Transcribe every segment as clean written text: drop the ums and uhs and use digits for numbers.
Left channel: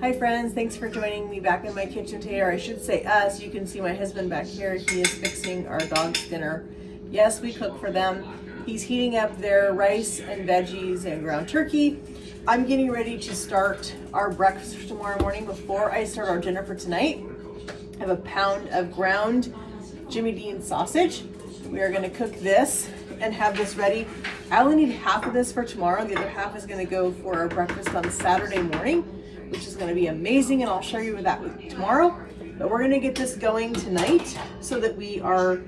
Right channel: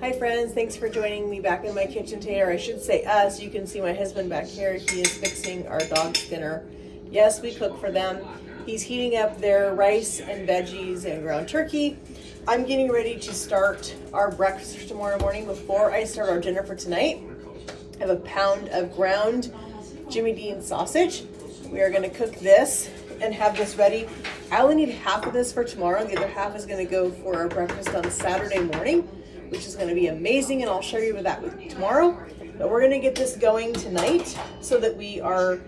Hi friends, thanks for joining me back in my kitchen today, or I should say us. You can see my husband back here. He is fixing our dog's dinner. Yes, we cook for them. He's heating up their rice and veggies and ground turkey. I'm getting ready to start our breakfast tomorrow morning before I start our dinner for tonight. I have a pound of ground Jimmy Dean sausage. We are gonna cook this and have this ready. I only need half of this for tomorrow. The other half is gonna go for our breakfast on Saturday morning, which is gonna be amazing, and I'll show you that tomorrow. But we're gonna get this going tonight so that we are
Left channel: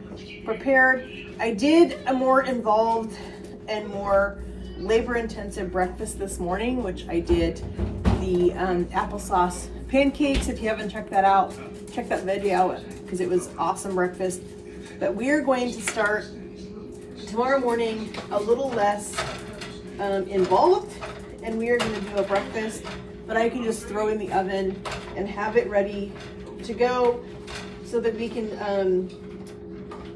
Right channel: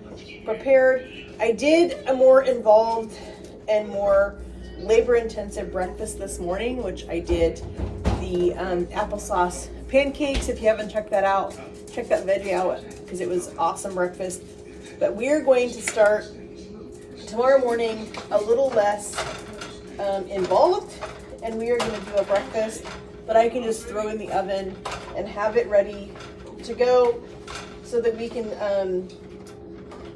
prepared. I did a more involved and more labor-intensive breakfast this morning, which I did the applesauce pancakes. If you haven't checked that out, check that video out because it was awesome breakfast. But we are going to start tomorrow morning a little less involved, and we are going to do a breakfast that I can just throw in the oven and have it ready to go so that we can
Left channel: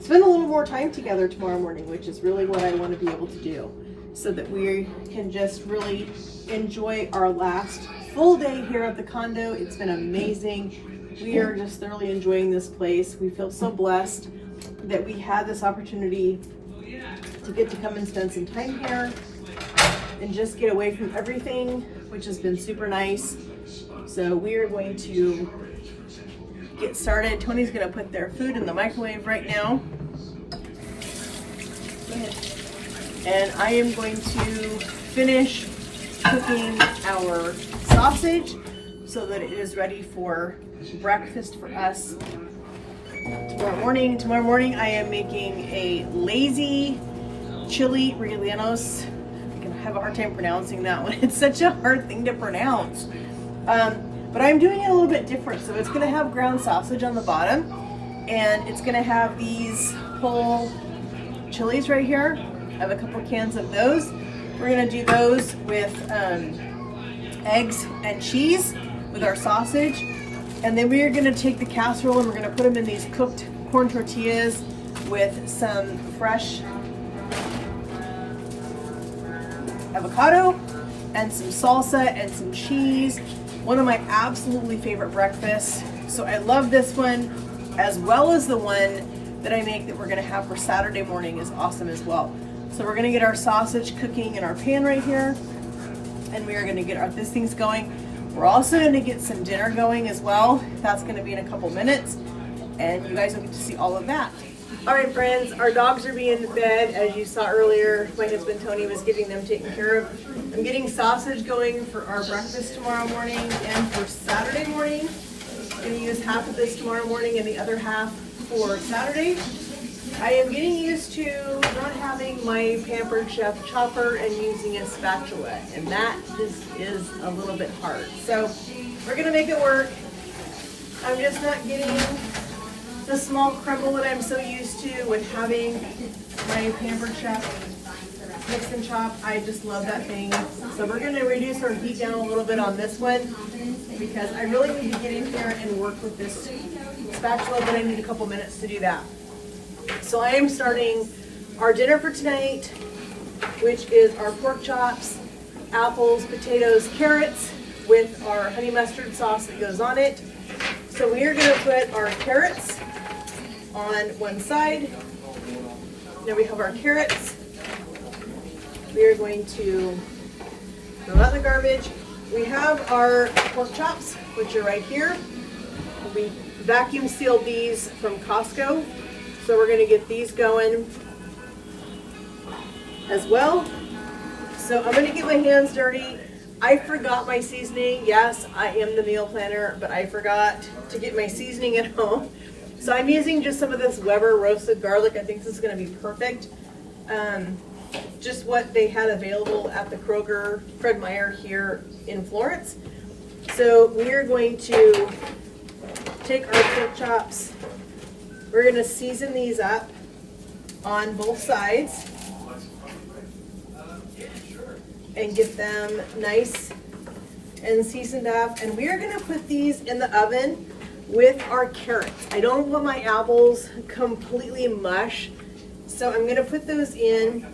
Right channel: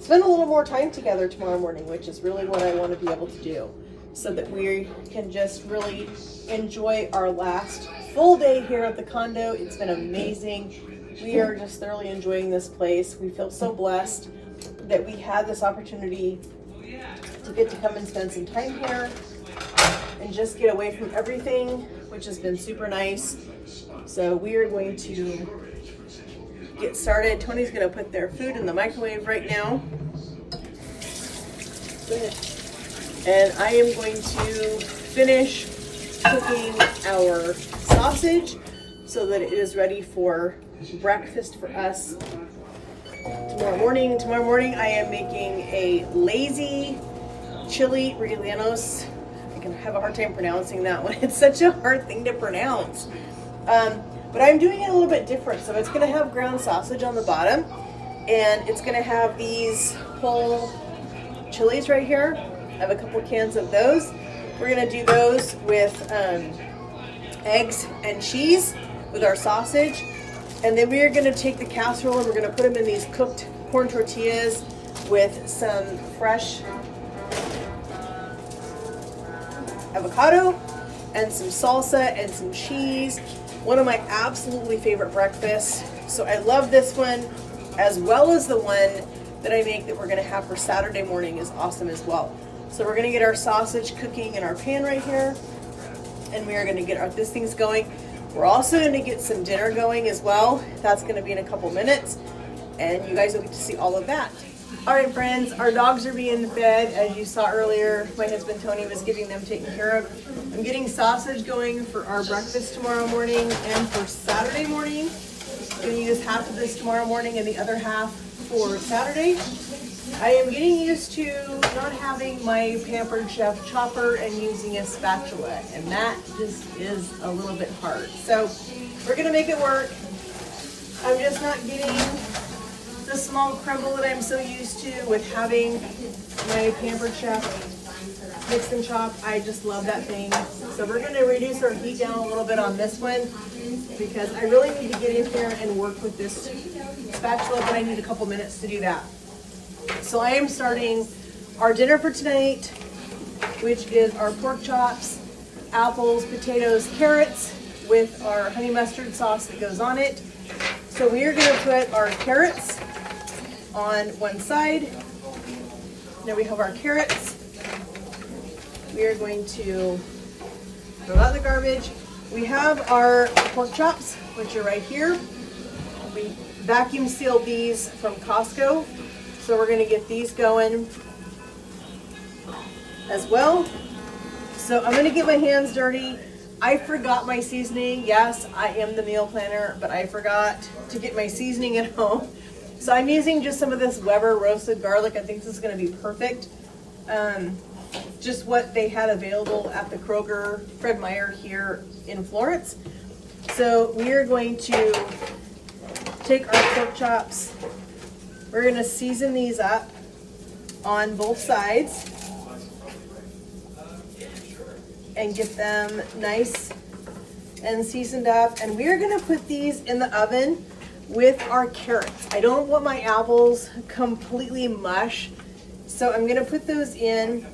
spend a little more time together tomorrow morning, which is really what I want to be able to do, so that we can just really enjoy our last full day here at the condo. It's been amazing. We are just thoroughly enjoying this place. We feel so blessed that we had this opportunity to get to come and spend some time here and just get away from everything, which has been super nice. So we are going to get started. Tony's gonna put their food in the microwave right now. And I am going to finish cooking our sausage so that it is ready for breakfast for us tomorrow morning. Tomorrow morning I am making a lazy chili rellenos. I have a hard time pronouncing that one. It's such a hard thing to pronounce. But I'm doing it a little bit different. So it's gonna have ground sausage on the bottom, and it's gonna have these whole chilies right here. I have a couple cans of those. We're gonna do those with eggs and cheese with our sausage. And then we are gonna take the casserole and we're gonna put them in these cooked corn tortillas with some fresh avocado and some salsa and some cheese. One of my absolutely favorite breakfasts. So I love this one, as well as the one that I make that we're gonna have for Saturday morning is awesome as well. So we're gonna get our sausage cooking in our pan right here, and we are gonna get this thing's going. We're also gonna get some dinner going as well. That's gonna be in a couple minutes, and you guys will get to see all of that. All right, friends, our dogs are being fed. As you saw earlier, my husband Tony was getting them taken care of. I'm getting sausage going for our breakfast tomorrow morning and for Saturday morning. I'm gonna use half of this tomorrow morning and the other half for Saturday. I am getting used to not having my Pampered Chef chopper and using a spatula, and that just is a little bit hard. So we're gonna make it work. I'm just not getting the small crumble that I'm so used to with having my Pampered Chef mix and chop. I just love that thing. So we're gonna reduce our heat down a little bit on this one because I really need to get in here and work with this spatula, but I need a couple minutes to do that. So I am starting our dinner for tonight, which is our pork chops, apples, potatoes, carrots with our honey mustard sauce that goes on it. So we are gonna put our carrots on one side. Now we have our carrots. We are going to throw that in the garbage. We have our pork chops, which are right here. We vacuum sealed these from Costco. So we're gonna get these going as well. So I'm gonna get my hands dirty. I forgot my seasoning. Yes, I am the meal planner, but I forgot to get my seasoning at home. So I'm using just some of this Weber roasted garlic. I think this is gonna be perfect. Just what they had available at the Kroger Fred Meyer here in Florence. So we are going to take our pork chops. We're gonna season these up on both sides and get them nice and seasoned up. And we are gonna put these in the oven with our carrots. I don't want my apples completely mush, so I'm gonna put those in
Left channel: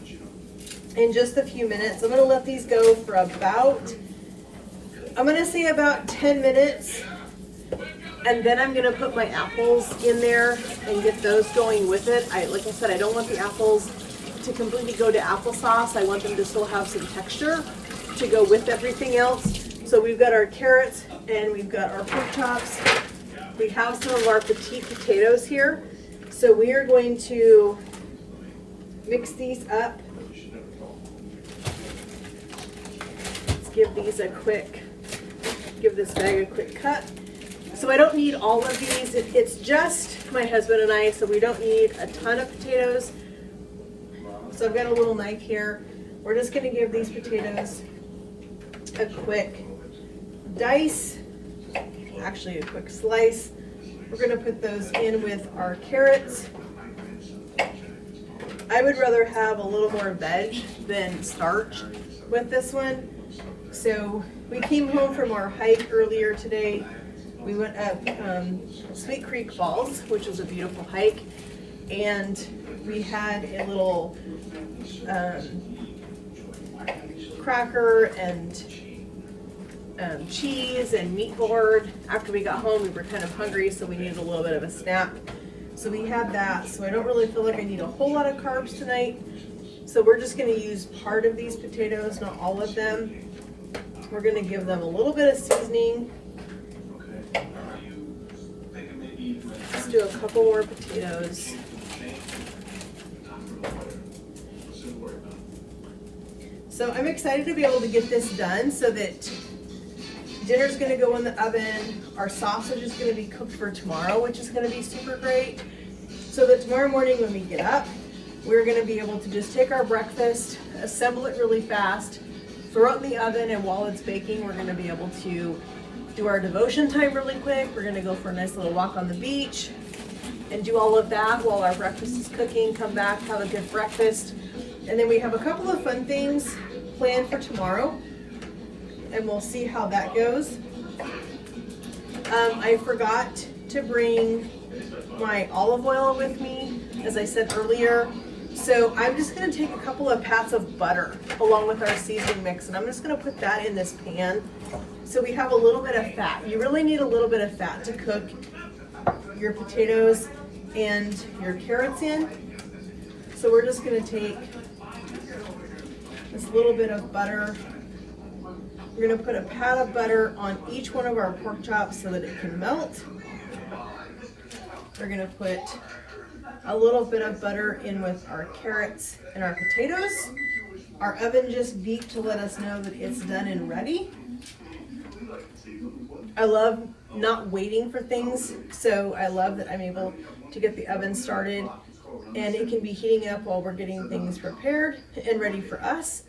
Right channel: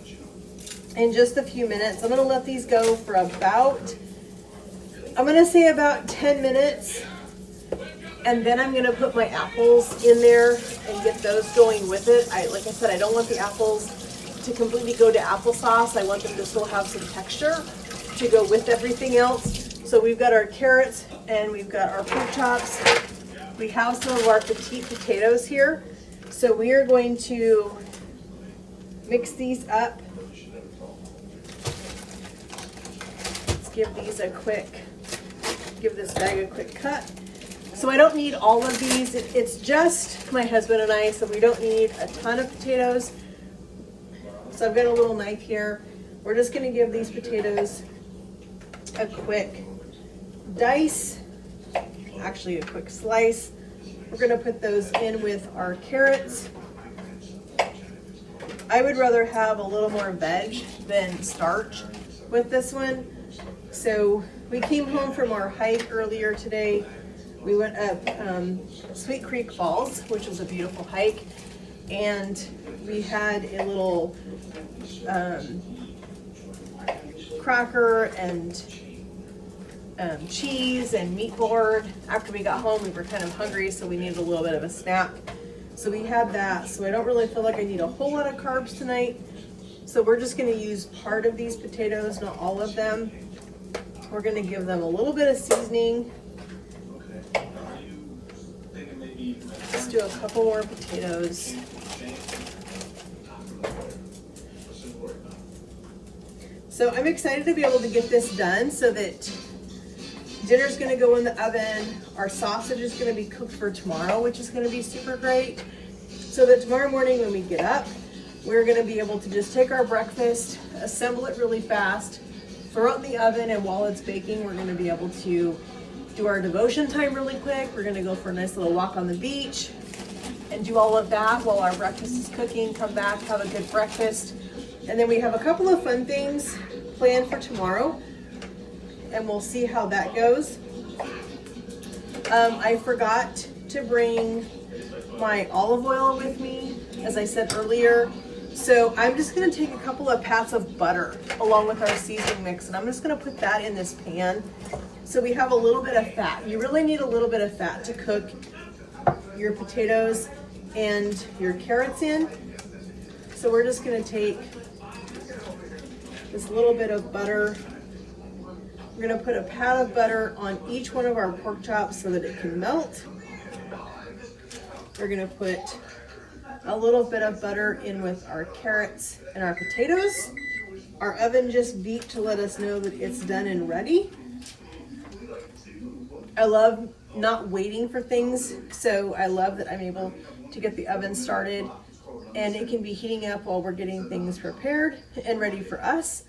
just a few minutes. I'm gonna let these go for about I'm gonna say about 10 minutes, and then I'm gonna put my apples in there and get those going with it. Like I said, I don't want the apples to completely go to applesauce. I want them to still have some texture to go with everything else. So we've got our carrots and we've got our pork chops. We have some of our petite potatoes here. So we are going to mix these up. Let's give this bag a quick cut. So I don't need all of these. It's just my husband and I, so we don't need a ton of potatoes. So I've got a little knife here. We're just gonna give these potatoes a quick dice, actually a quick slice. We're gonna put those in with our carrots. I would rather have a little more veg than starch with this one. So we came home from our hike earlier today. We went up Sweet Creek Falls, which was a beautiful hike, and we had a little cracker and cheese and meat board. After we got home, we were kind of hungry, so we needed a little bit of a snack. So we had that. So I don't really feel like I need a whole lot of carbs tonight. So we're just gonna use part of these potatoes, not all of them. We're gonna give them a little bit of seasoning. Let's do a couple more potatoes. So I'm excited to be able to get this done so that dinner's gonna go in the oven. Our sausage is gonna be cooked for tomorrow, which is gonna be super great. So that tomorrow morning when we get up, we're gonna be able to just take our breakfast, assemble it really fast, throw it in the oven, and while it's baking, we're gonna be able to do our devotion time really quick. We're gonna go for a nice little walk on the beach and do all of that while our breakfast is cooking, come back, have a good breakfast. And then we have a couple of fun things planned for tomorrow, and we'll see how that goes. I forgot to bring my olive oil with me, as I said earlier. So I'm just gonna take a couple of pats of butter along with our seasoning mix, and I'm just gonna put that in this pan. So we have a little bit of fat. You really need a little bit of fat to cook your potatoes and your carrots in. So we're just gonna take this little bit of butter. We're gonna put a pat of butter on each one of our pork chops so that it can melt. We're gonna put a little bit of butter in with our carrots and our potatoes. Our oven just beeped to let us know that it's done and ready. I love not waiting for things, so I love that I'm able to get the oven started and it can be heating up while we're getting things prepared and ready for us.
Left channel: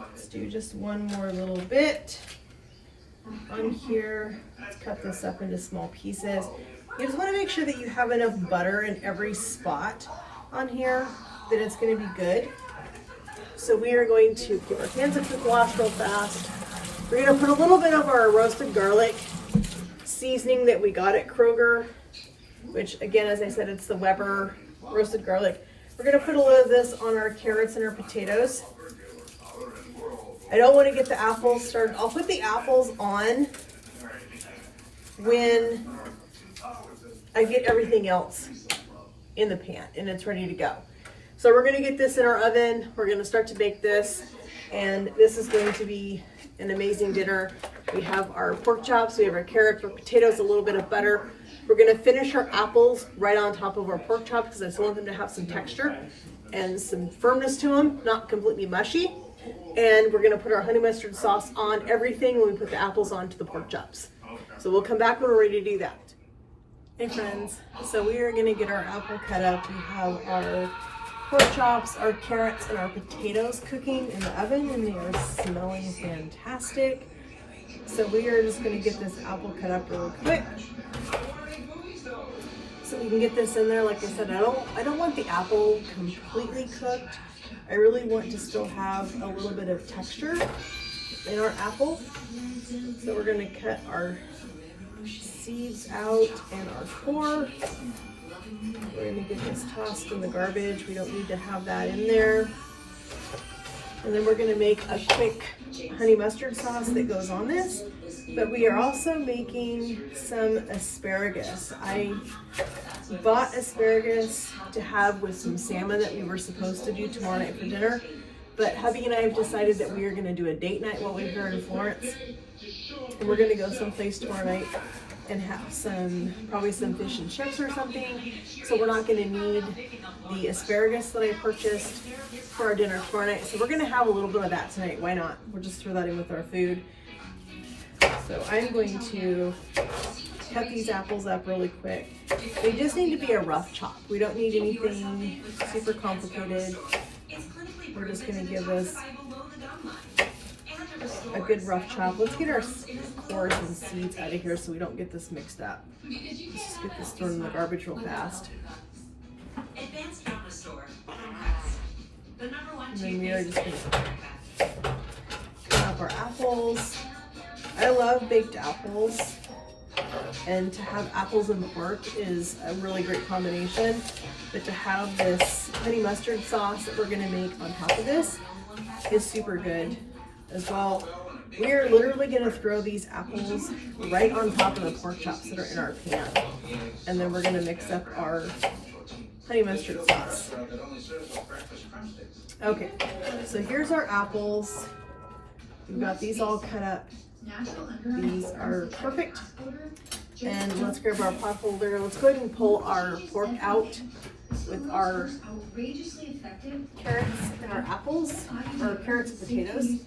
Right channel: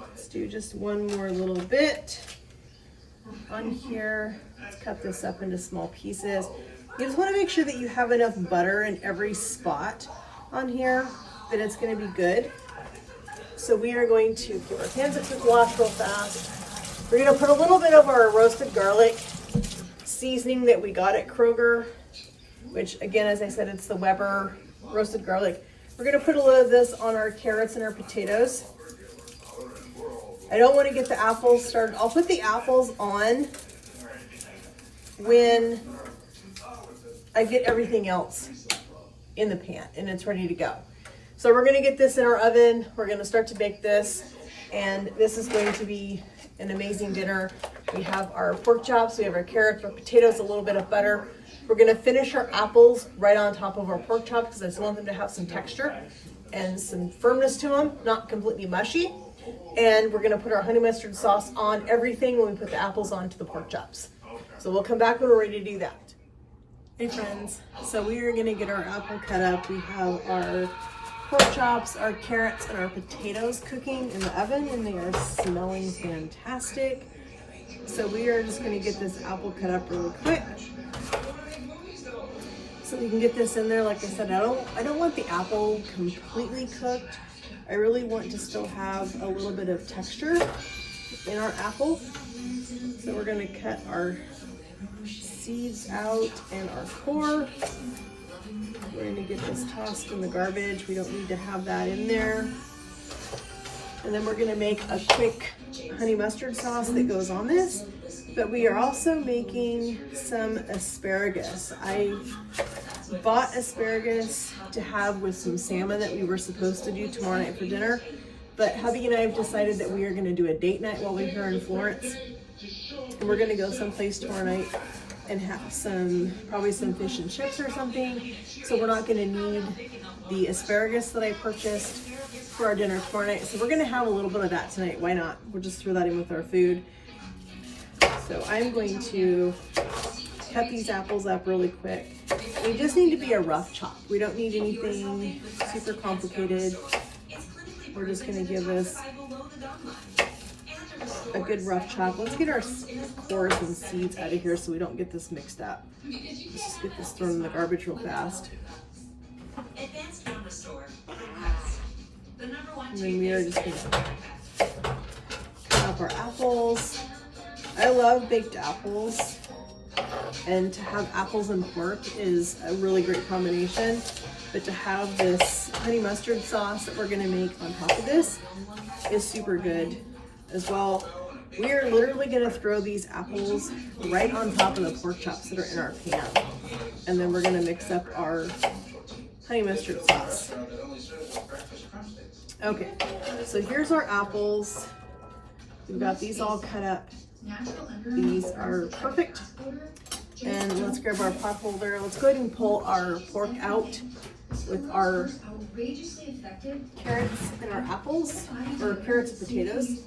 Let's do just one more little bit on here. Let's cut this up into small pieces. You just want to make sure that you have enough butter in every spot on here that it's going to be good. So we are going to give our hands a quick wash real fast. We're going to put a little bit of our roasted garlic seasoning that we got at Kroger, which again, as I said, it's the Weber roasted garlic. We're going to put a little of this on our carrots and our potatoes. I don't want to get the apples started. I'll put the apples on when I get everything else in the pan and it's ready to go. So we're gonna get this in our oven. We're gonna start to bake this, and this is going to be an amazing dinner. We have our pork chops, we have our carrots, our potatoes, a little bit of butter. We're gonna finish our apples right on top of our pork chops because I still want them to have some texture and some firmness to them, not completely mushy. And we're gonna put our honey mustard sauce on everything when we put the apples onto the pork chops. So we'll come back when we're ready to do that. Hey friends, so we are gonna get our apple cut up. We have our pork chops, our carrots, and our potatoes cooking in the oven, and they are smelling fantastic. So we are just gonna get this apple cut up really quick so we can get this in there. Like I said, I don't want the apple completely cooked. I really want to still have a little bit of texture in our apple. So we're gonna cut our seeds out and our core. We're gonna get this tossed in the garbage. We don't need to have that in there. And then we're gonna make a quick honey mustard sauce that goes on this, but we are also making some asparagus. I bought asparagus to have with some salmon that we were supposed to do tomorrow night for dinner, but hubby and I have decided that we are going to do a date night while we're here in Florence, and we're going to go someplace tomorrow night and have probably some fish and chips or something, so we're not going to need the asparagus that I purchased for our dinner tomorrow night. So we're going to have a little bit of that tonight. Why not? We'll just throw that in with our food. So I'm going to cut these apples up really quick. They just need to be a rough chop. We don't need anything super complicated. We're just going to give this a good rough chop. Let's get our cores and seeds out of here so we don't get this mixed up. Let's just get this thrown in the garbage real fast. And then we are just going to cut up our apples. I love baked apples, and to have apples and pork is a really great combination. But to have this honey mustard sauce that we're going to make on top of this is super good as well. We're literally going to throw these apples right on top of the pork chops that are in our pan, and then we're going to mix up our honey mustard sauce. Okay, so here's our apples. We've got these all cut up. These are perfect. And let's grab our pot holder. Let's go ahead and pull our pork out with our carrots and our apples, or carrots and potatoes.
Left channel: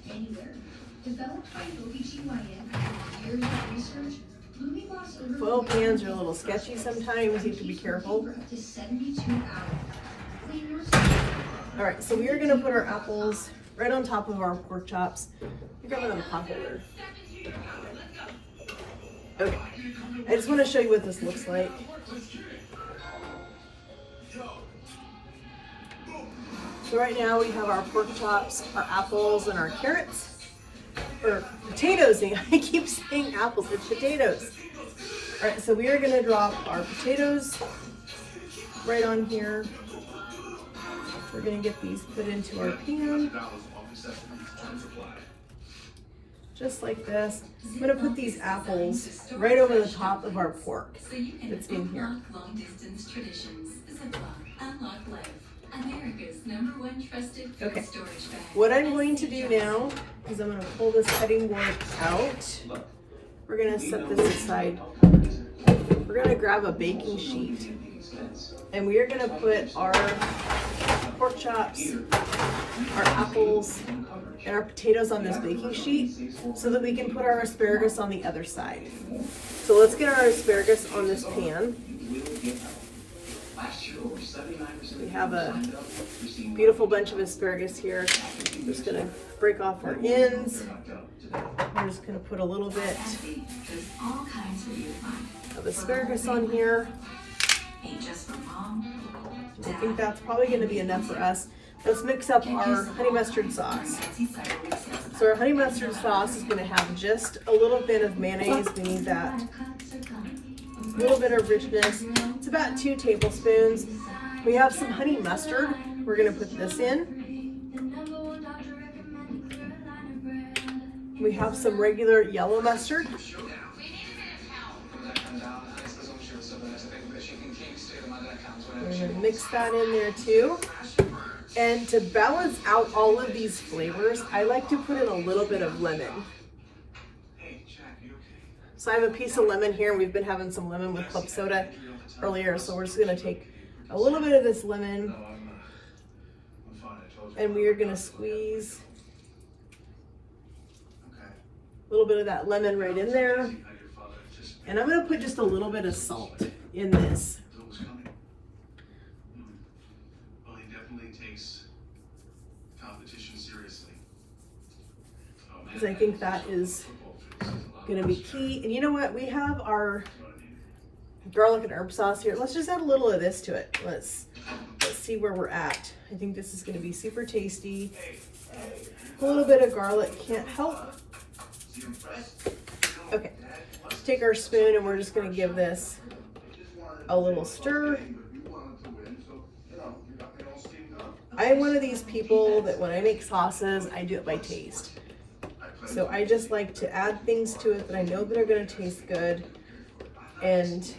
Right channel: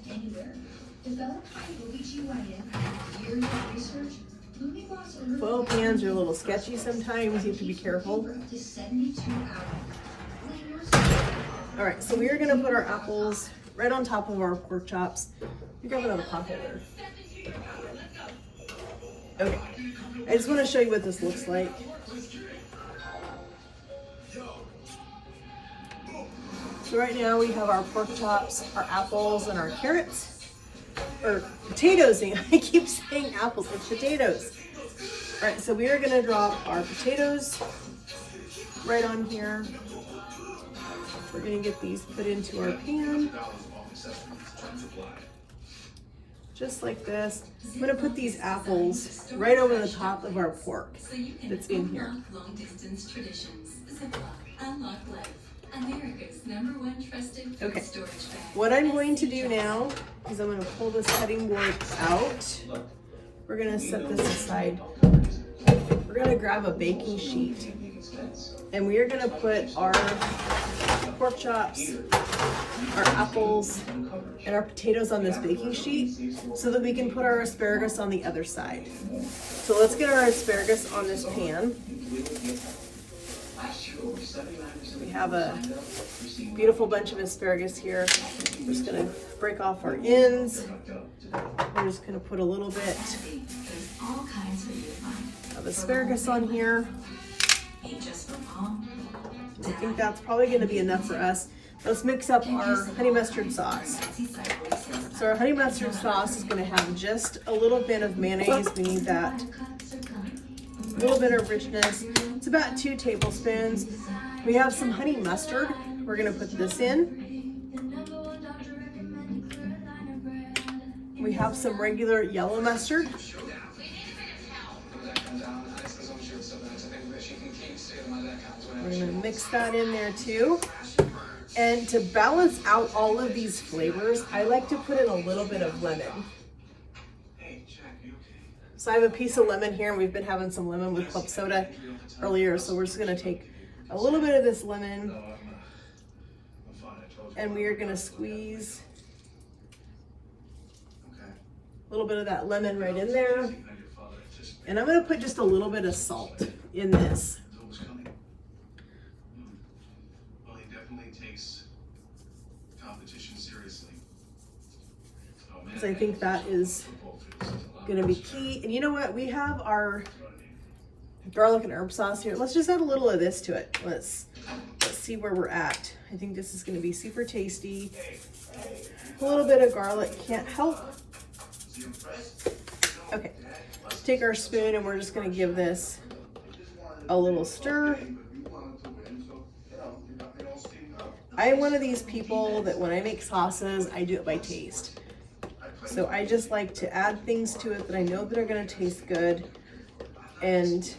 Foil pans are a little sketchy sometimes. You have to be careful. All right, so we are going to put our apples right on top of our pork chops. You grab another pot holder. Okay, I just want to show you what this looks like. So right now we have our pork chops, our apples, and our carrots, or potatoes. I keep saying apples, it's potatoes. All right, so we are going to drop our potatoes right on here. We're going to get these put into our pan, just like this. I'm going to put these apples right over the top of our pork that's in here. Okay, what I'm going to do now is I'm going to pull this cutting board out. We're going to set this aside. We're going to grab a baking sheet, and we are going to put our pork chops, our apples, and our potatoes on this baking sheet so that we can put our asparagus on the other side. So let's get our asparagus on this pan. We have a beautiful bunch of asparagus here. We're just going to break off our ends. We're just going to put a little bit of asparagus on here. I think that's probably going to be enough for us. Let's mix up our honey mustard sauce. So our honey mustard sauce is going to have just a little bit of mayonnaise. We need that. A little bit of richness. It's about 2 tablespoons. We have some honey mustard. We're going to put this in. We have some regular yellow mustard. We're going to mix that in there too. And to balance out all of these flavors, I like to put in a little bit of lemon. So I have a piece of lemon here, and we've been having some lemon with club soda earlier. So we're just going to take a little bit of this lemon, and we are going to squeeze a little bit of that lemon right in there. And I'm going to put just a little bit of salt in this. Because I think that is going to be key. And you know what? We have our garlic and herb sauce here. Let's just add a little of this to it. Let's see where we're at. I think this is going to be super tasty. A little bit of garlic can't help. Okay, let's take our spoon and we're just going to give this a little stir. I am one of these people that when I make sauces, I do it by taste. So I just like to add things to it that I know that are gonna taste good, and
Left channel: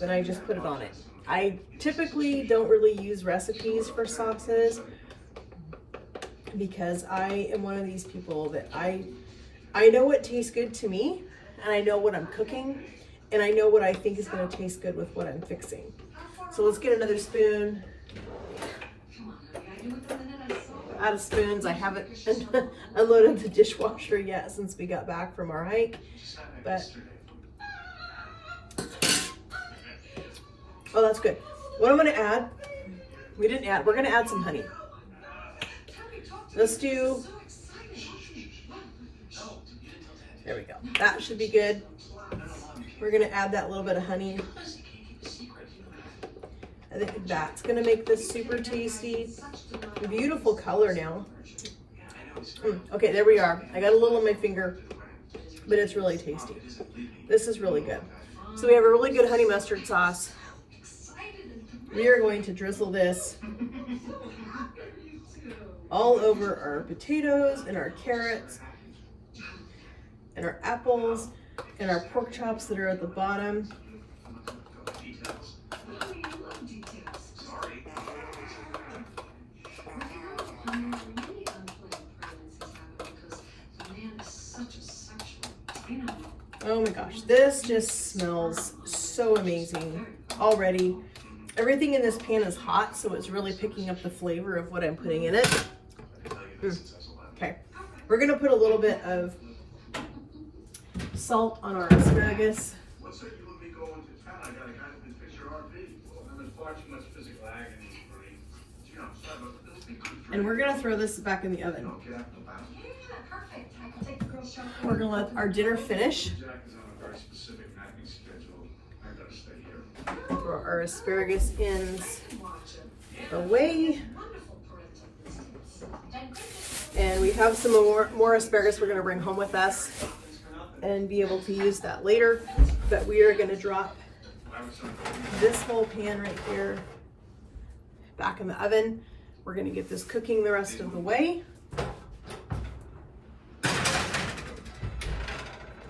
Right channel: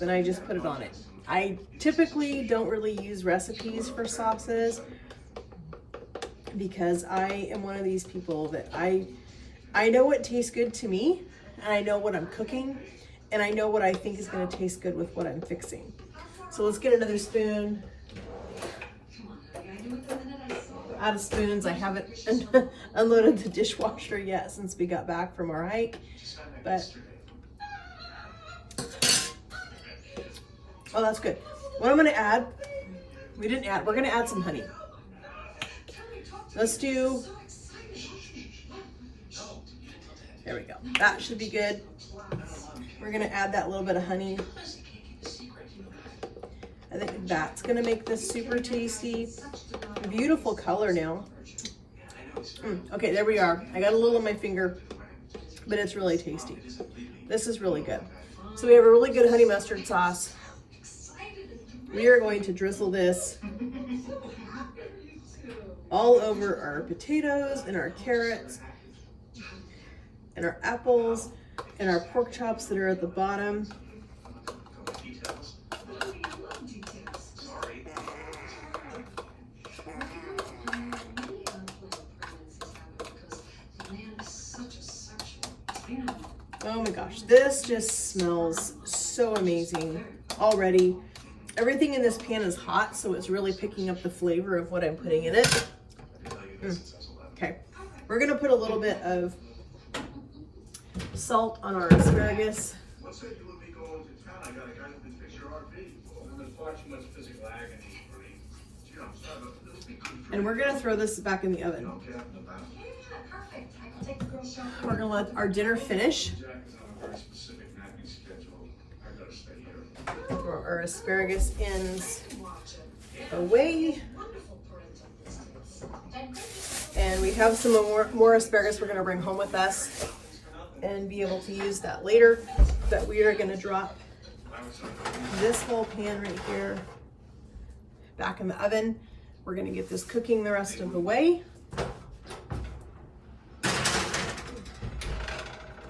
then I just put it on it. I typically don't really use recipes for sauces because I am one of these people that I know what tastes good to me, and I know what I'm cooking, and I know what I think is gonna taste good with what I'm fixing. So let's get another spoon. Out of spoons. I haven't unloaded the dishwasher yet since we got back from our hike, but oh, that's good. What I'm gonna add, we're gonna add some honey. Let's do, there we go. That should be good. We're gonna add that little bit of honey. I think that's gonna make this super tasty. Beautiful color now. Okay, there we are. I got a little on my finger, but it's really tasty. This is really good. So we have a really good honey mustard sauce. We are going to drizzle this all over our potatoes and our carrots and our apples and our pork chops that are at the bottom. Oh my gosh, this just smells so amazing already. Everything in this pan is hot, so it's really picking up the flavor of what I'm putting in it. Okay, we're gonna put a little bit of salt on our asparagus. And we're gonna throw this back in the oven. We're gonna let our dinner finish. Throw our asparagus ends away. And we have some more asparagus we're gonna bring home with us and be able to use that later. But we are gonna drop this whole pan right here back in the oven. We're gonna get this cooking the rest of the way.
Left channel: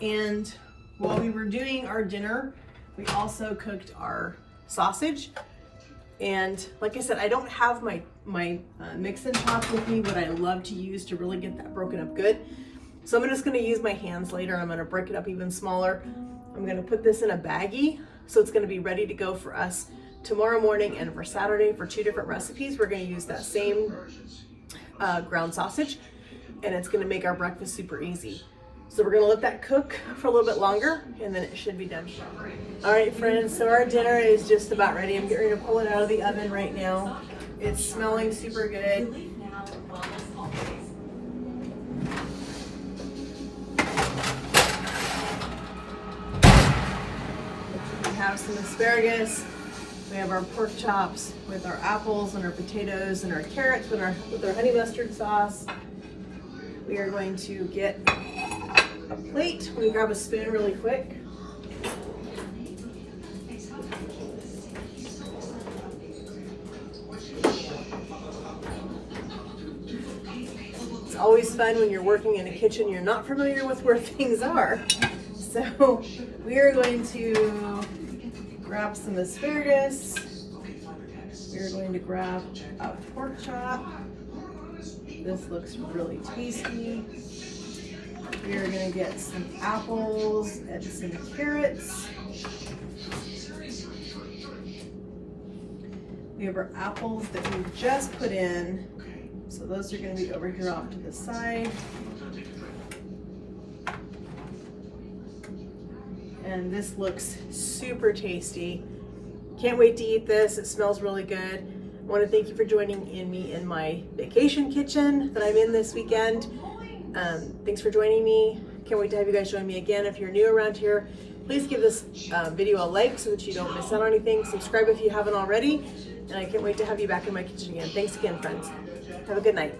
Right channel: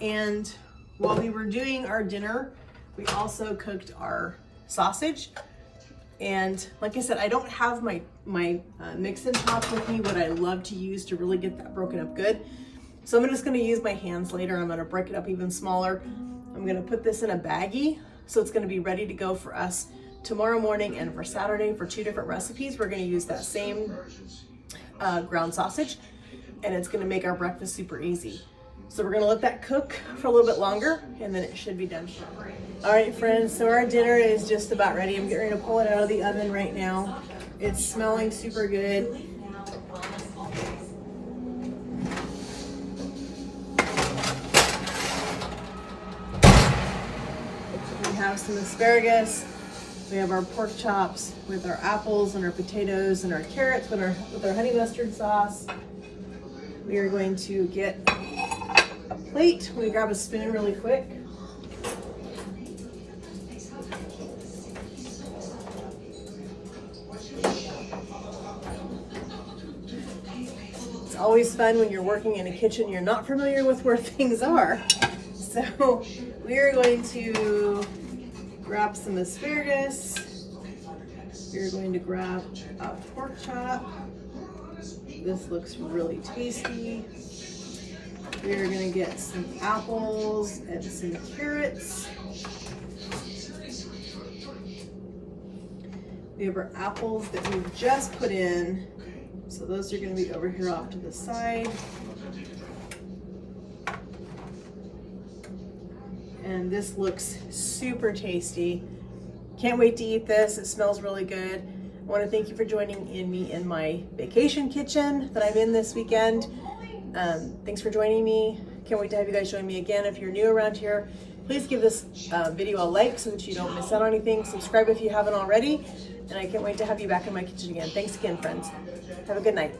And while we were doing our dinner, we also cooked our sausage. And like I said, I don't have my mix and top with me, what I love to use to really get that broken up good. So I'm just gonna use my hands later. I'm gonna break it up even smaller. I'm gonna put this in a baggie, so it's gonna be ready to go for us tomorrow morning and for Saturday for 2 different recipes. We're gonna use that same ground sausage, and it's gonna make our breakfast super easy. So we're gonna let that cook for a little bit longer, and then it should be done. All right, friends, so our dinner is just about ready. I'm getting ready to pull it out of the oven right now. It's smelling super good. We have some asparagus. We have our pork chops with our apples and our potatoes and our carrots with our honey mustard sauce. We are going to get a plate. Let me grab a spoon really quick. It's always fun when you're working in a kitchen, you're not familiar with where things are. So we are going to grab some asparagus. We're going to grab a pork chop. This looks really tasty. We are going to get some apples and some carrots. We have our apples that we just put in. So those are going to be over here off to the side. And this looks super tasty. Can't wait to eat this. It smells really good. I want to thank you for joining me in my vacation kitchen that I'm in this weekend. Thanks for joining me. Can't wait to have you guys join me again. If you're new around here, please give this video a like so that you don't miss out on anything. Subscribe if you haven't already. And I can't wait to have you back in my kitchen again. Thanks again, friends. Have a good night.